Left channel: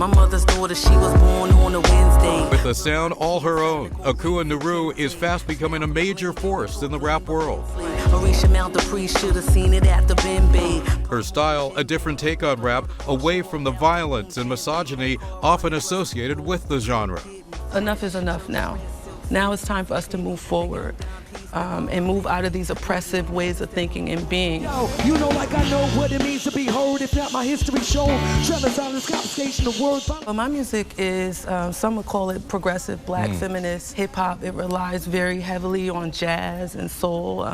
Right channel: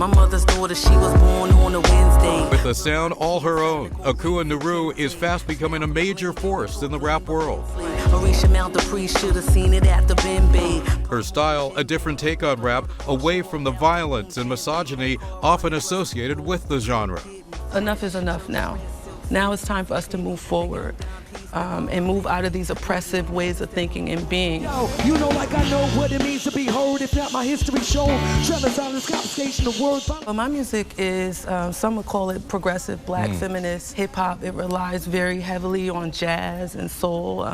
My mother's daughter, she was born on a Wednesday. With a sound all her own, Akua Naru is fast becoming a major force in the rap world. Orisha Mount the priest should have seen it at the Bembe. Her style, a different take on rap, away from the violence and misogyny often associated with the genre. Enough is enough now. Now it's time for us to move forward and move out of these oppressive ways of thinking and being. Yo, you know, like I know what it means to be heard, if not my history shown. Trevor silence, confiscation of words. Well, my music is, some would call it progressive, black feminist hip-hop. It relies very heavily on jazz and soul.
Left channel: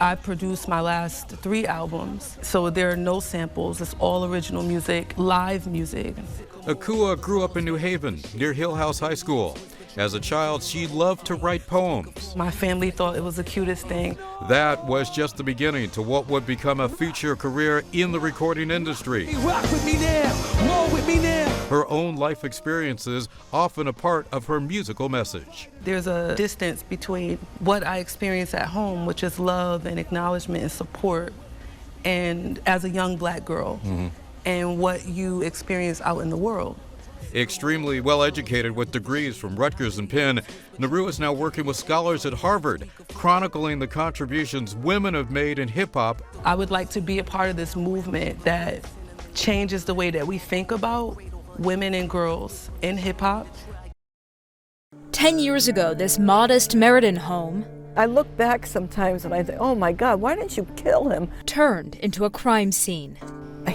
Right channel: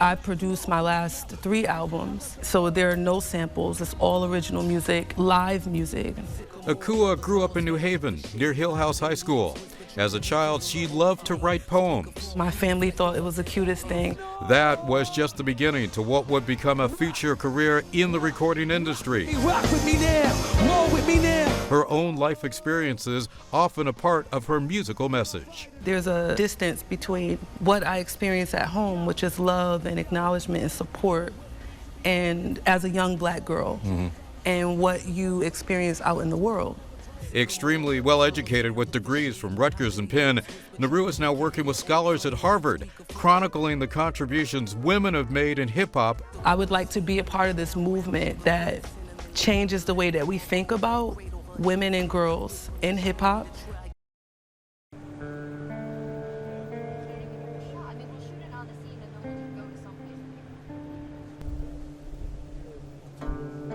I produced my last 3 albums, so there are no samples. It's all original music, live music. Akua grew up in New Haven, near Hill House High School. As a child, she loved to write poems. My family thought it was the cutest thing. That was just the beginning to what would become a future career in the recording industry. Hey, rock with me now, roll with me now. Her own life experiences often a part of her musical message. There's a distance between what I experience at home, which is love and acknowledgement and support, and as a young black girl, and what you experience out in the world. Extremely well-educated with degrees from Rutgers and Penn, Naru is now working with scholars at Harvard, chronicling the contributions women have made in hip-hop. I would like to be a part of this movement that changes the way that we think about women and girls in hip-hop. 10 years ago, this modest Meriden home I look back sometimes and I think, oh my God, why didn't you kill him? turned into a crime scene.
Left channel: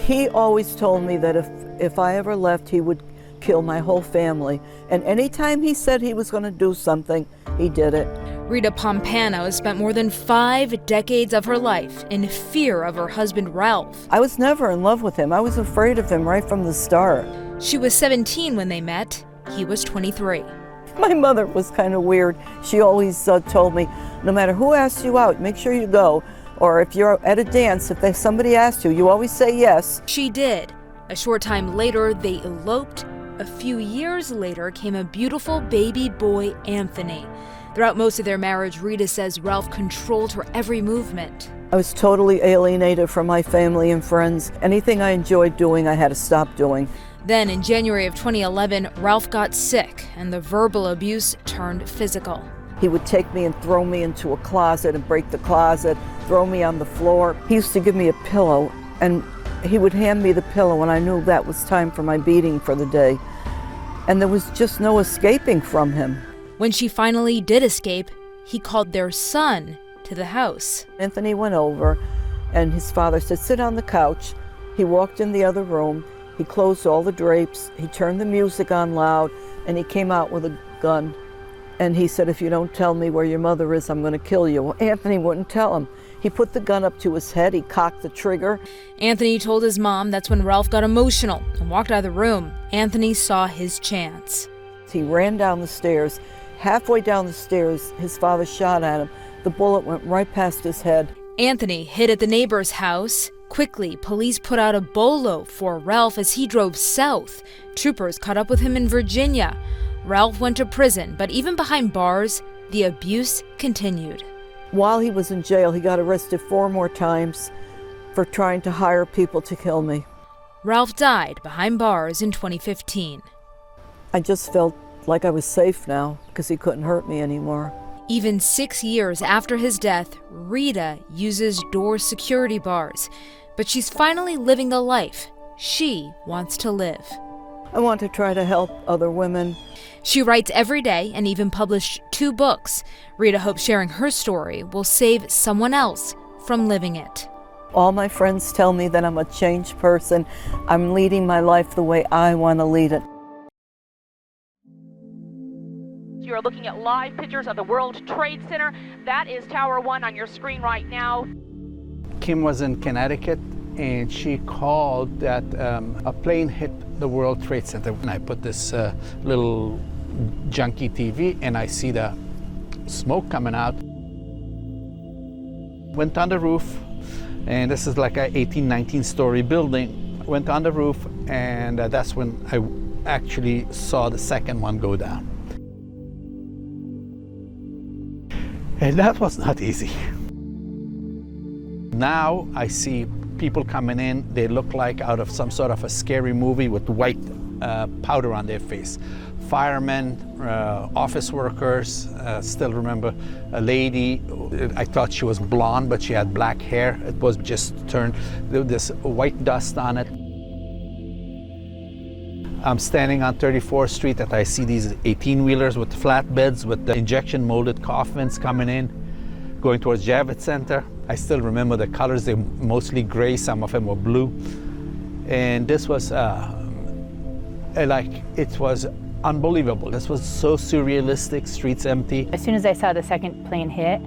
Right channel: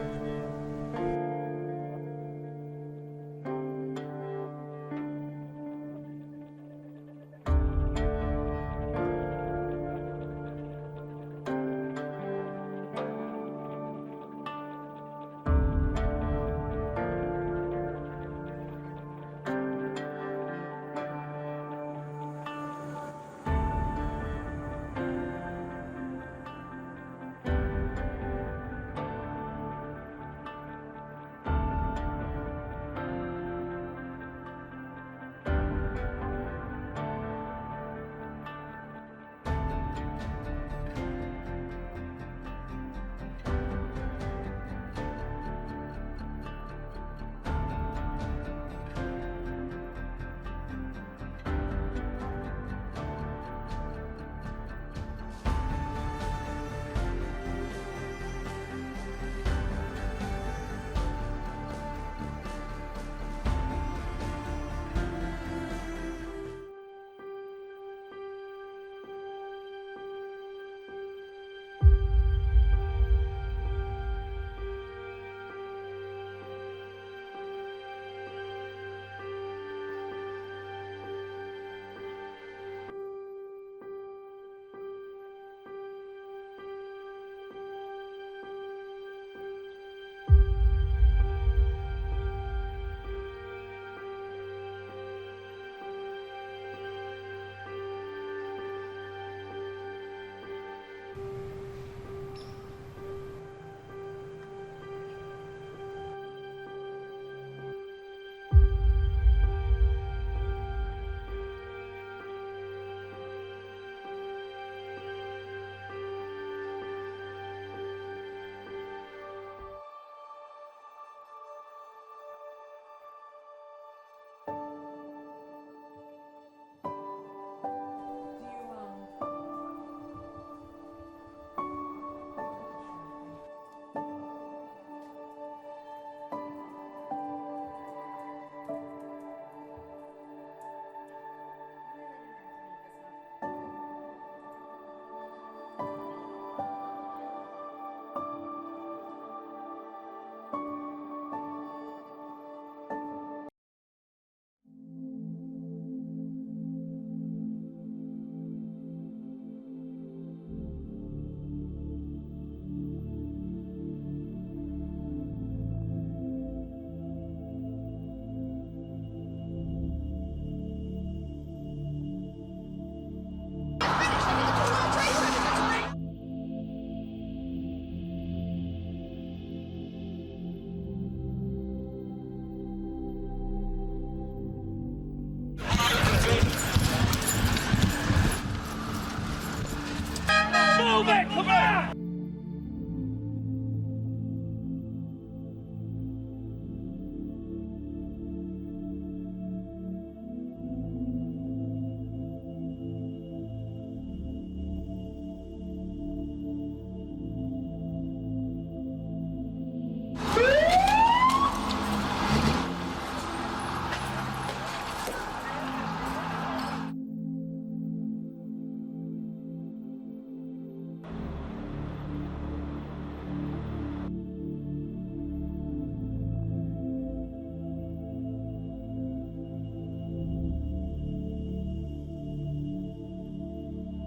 He always told me that if I ever left, he would kill my whole family. And anytime he said he was going to do something, he did it. Rita Pompano has spent more than 5 decades of her life in fear of her husband, Ralph. I was never in love with him. I was afraid of him right from the start. She was 17 when they met. He was 23. My mother was kind of weird. She always told me, no matter who asks you out, make sure you go. Or if you're at a dance, if somebody asks you, you always say yes. She did. A short time later, they eloped. A few years later came a beautiful baby boy, Anthony. Throughout most of their marriage, Rita says Ralph controlled her every movement. I was totally alienated from my family and friends. Anything I enjoyed doing, I had to stop doing. Then in January of 2011, Ralph got sick and the verbal abuse turned physical. He would take me and throw me into a closet and break the closet, throw me on the floor. He used to give me a pillow and he would hand me the pillow and I knew that was time for my beating for the day. And there was just no escaping from him. When she finally did escape, he called their son to the house. Anthony went over and his father said, sit on the couch. He walked in the other room. He closed all the drapes. He turned the music on loud and he came out with a gun. And he said, if you don't tell me where your mother is, I'm going to kill you. Well, Anthony wouldn't tell him. He put the gun up to his head. He cocked the trigger. Anthony told his mom that's when Ralph got emotional and walked out of the room. Anthony saw his chance. He ran down the stairs. Halfway down the stairs, his father shot at him. The bullet went right past his head. Anthony hid at the neighbor's house. Quickly, police put out a bolo for Ralph as he drove south. Troopers caught up with him in Virginia. Ralph went to prison, but even behind bars, the abuse continued. While he was in jail, he got arrested 4 more times for trying to hire people to kill me. Ralph died behind bars in 2015. I just felt like I was safe now because he couldn't hurt me anymore. Even 6 years after his death, Rita uses door security bars, but she's finally living the life she wants to live. I want to try to help other women. She writes every day and even published 2 books. Rita hopes sharing her story will save someone else from living it. All my friends tell me that I'm a changed person. I'm leading my life the way I want to lead it. You're looking at live pictures of the World Trade Center. That is Tower 1 on your screen right now. Kim was in Connecticut and she called that a plane hit the World Trade Center. And I put this little junky TV and I see the smoke coming out. Went on the roof, and this is like a 18, 19-story building. Went on the roof, and that's when I actually saw the second one go down. And that was not easy. Now I see people coming in, they look like out of some sort of a scary movie with white powder on their face. Firemen, office workers, still remember a lady, I thought she was blonde, but she had black hair. It was just turned, this white dust on it. I'm standing on 34th Street and I see these 18-wheelers with flatbeds with the injection molded coffins coming in, going towards Javits Center. I still remember the colors, they were mostly gray, some of them were blue. And this was it was unbelievable. This was so surrealistic, streets empty. As soon as I saw the second plane hit,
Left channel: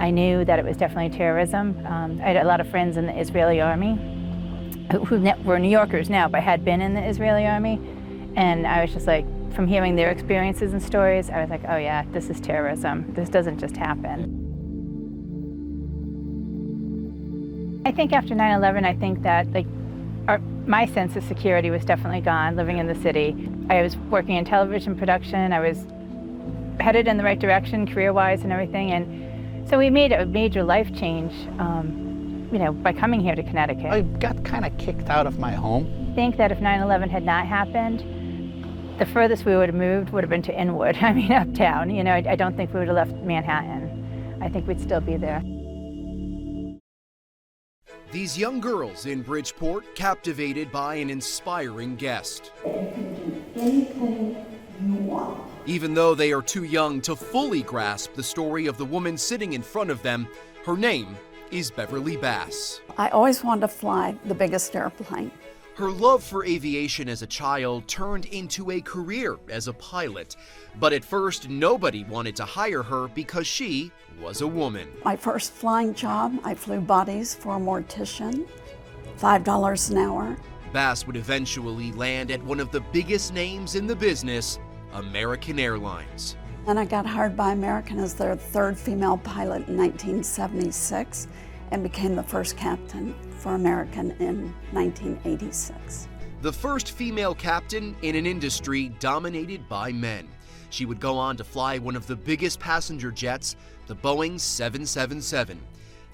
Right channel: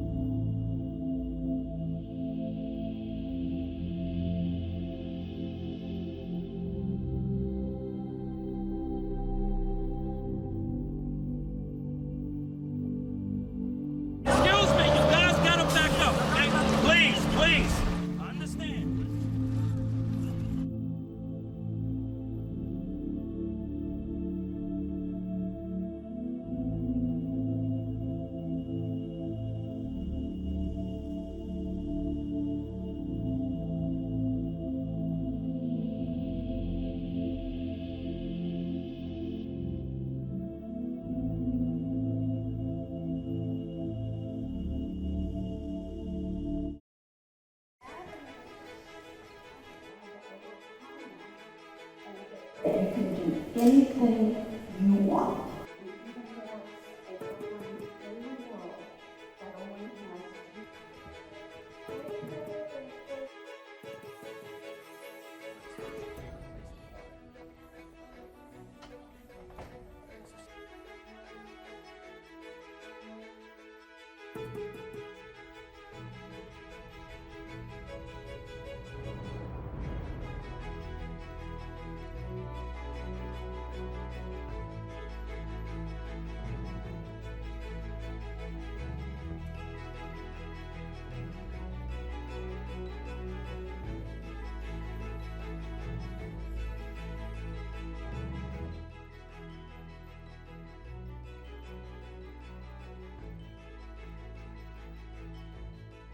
I knew that it was definitely terrorism. I had a lot of friends in the Israeli army who were New Yorkers now, but had been in the Israeli army. And I was just like, from hearing their experiences and stories, I was like, oh yeah, this is terrorism. This doesn't just happen. Excuse me, you guys gotta back up, okay? Please, please. I think after 9/11, I think that my sense of security was definitely gone living in the city. I was working in television production. I was headed in the right direction career-wise and everything. And so we made a major life change, by coming here to Connecticut. I got kind of kicked out of my home. I think that if 9/11 had not happened, the furthest we would have moved would have been to Inwood, uptown. I don't think we would have left Manhattan. I think we'd still be there. These young girls in Bridgeport captivated by an inspiring guest. You can do anything you want. Even though they are too young to fully grasp the story of the woman sitting in front of them, her name is Beverly Bass. I always wanted to fly the biggest airplane. Her love for aviation as a child turned into a career as a pilot. But at first, nobody wanted to hire her because she was a woman. My first flying job, I flew bodies for a mortician, $5 an hour. Bass would eventually land at one of the biggest names in the business, American Airlines. And I got hired by American as their third female pilot in 1976 and became the first captain for American in 1986. The first female captain in an industry dominated by men. She would go on to fly one of the biggest passenger jets, the Boeing 777.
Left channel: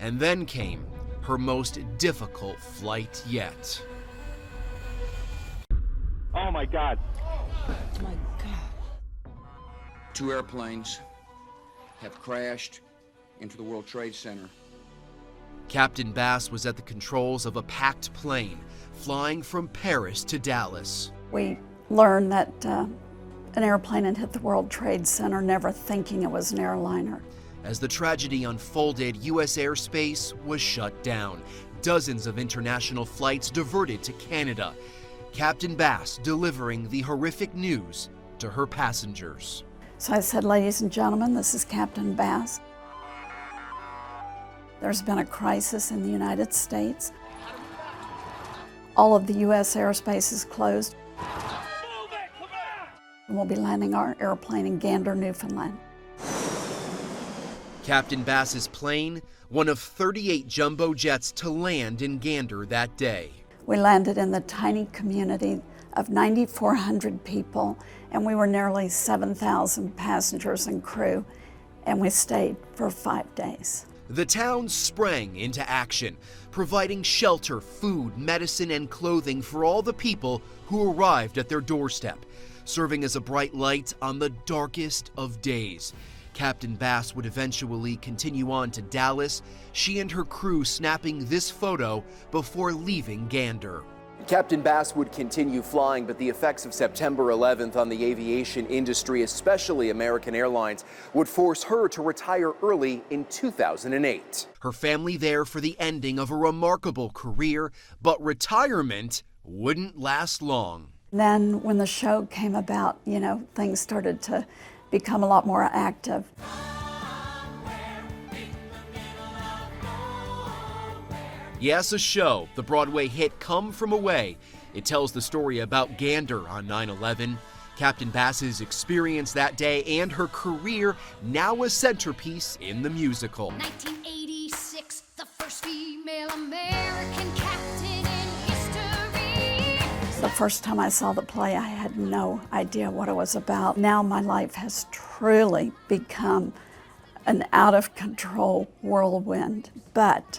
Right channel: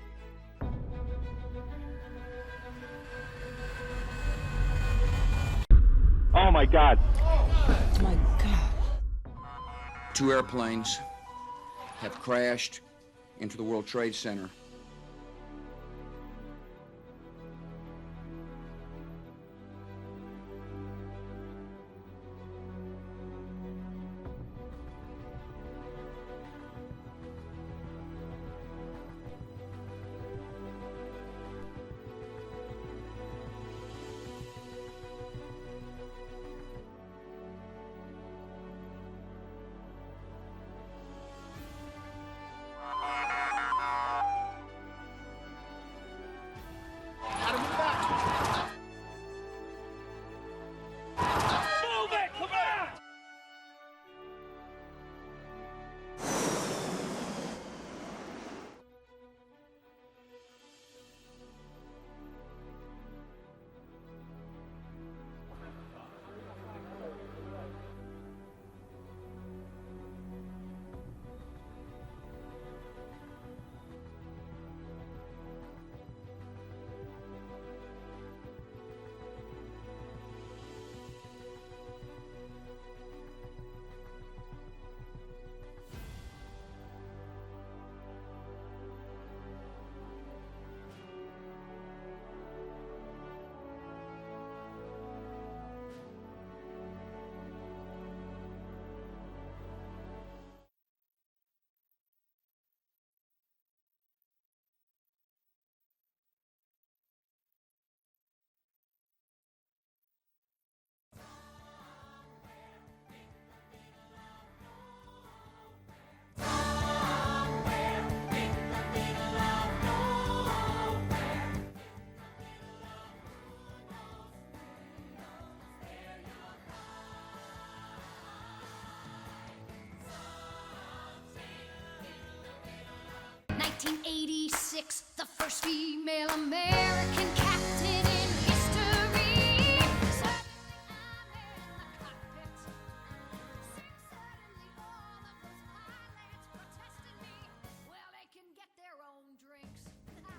And then came her most difficult flight yet. Oh my God. Oh my God. 2 airplanes have crashed into the World Trade Center. Captain Bass was at the controls of a packed plane flying from Paris to Dallas. We learned that an airplane had hit the World Trade Center, never thinking it was an airliner. As the tragedy unfolded, U.S. airspace was shut down. Dozens of international flights diverted to Canada. Captain Bass delivering the horrific news to her passengers. So I said, ladies and gentlemen, this is Captain Bass. There's been a crisis in the United States. All of the U.S. airspace is closed. And we'll be landing our airplane in Gander, Newfoundland. Captain Bass's plane, one of 38 jumbo jets to land in Gander that day. We landed in the tiny community of 9,400 people, and we were nearly 7,000 passengers and crew, and we stayed for 5 days. The town sprang into action, providing shelter, food, medicine, and clothing for all the people who arrived at their doorstep, serving as a bright light on the darkest of days. Captain Bass would eventually continue on to Dallas, she and her crew snapping this photo before leaving Gander. Captain Bass would continue flying, but the effects of September 11th on the aviation industry, especially American Airlines, would force her to retire early in 2008. Her family there for the ending of a remarkable career, but retirement wouldn't last long. Then when the show came about, things started to become a lot more active. Yes, a show, the Broadway hit Come From Away. It tells the story about Gander on 9/11, Captain Bass's experience that day, and her career, now a centerpiece in the musical. 1986, the first female American captain in history. The first time I saw the play, I had no idea what it was about. Now my life has truly become an out-of-control whirlwind, but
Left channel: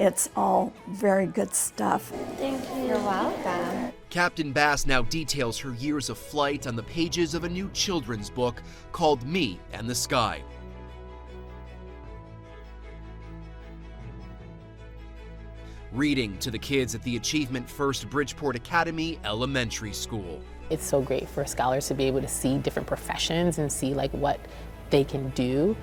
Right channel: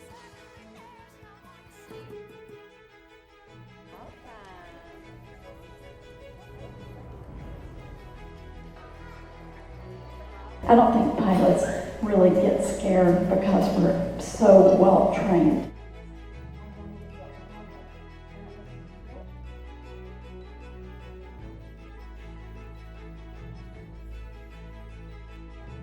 It's all very good stuff. Thank you. You're welcome. Captain Bass now details her years of flight on the pages of a new children's book called Me and the Sky. I don't think pilots really get scared because we're so well trained. Reading to the kids at the Achievement First Bridgeport Academy Elementary School. It's so great for scholars to be able to see different professions and see like what they can do,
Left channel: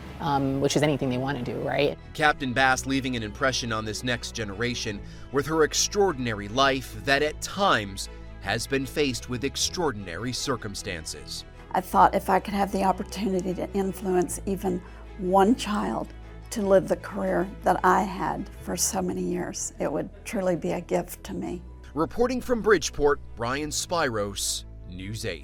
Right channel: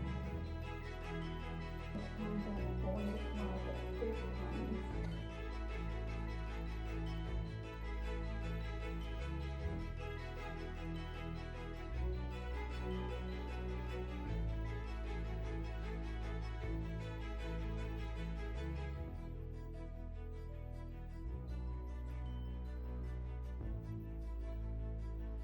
which is anything they want to do, right? Captain Bass leaving an impression on this next generation with her extraordinary life that at times has been faced with extraordinary circumstances. I thought if I could have the opportunity to influence even one child to live the career that I had for so many years, it would truly be a gift to me. Reporting from Bridgeport, Brian Spiros, News 8.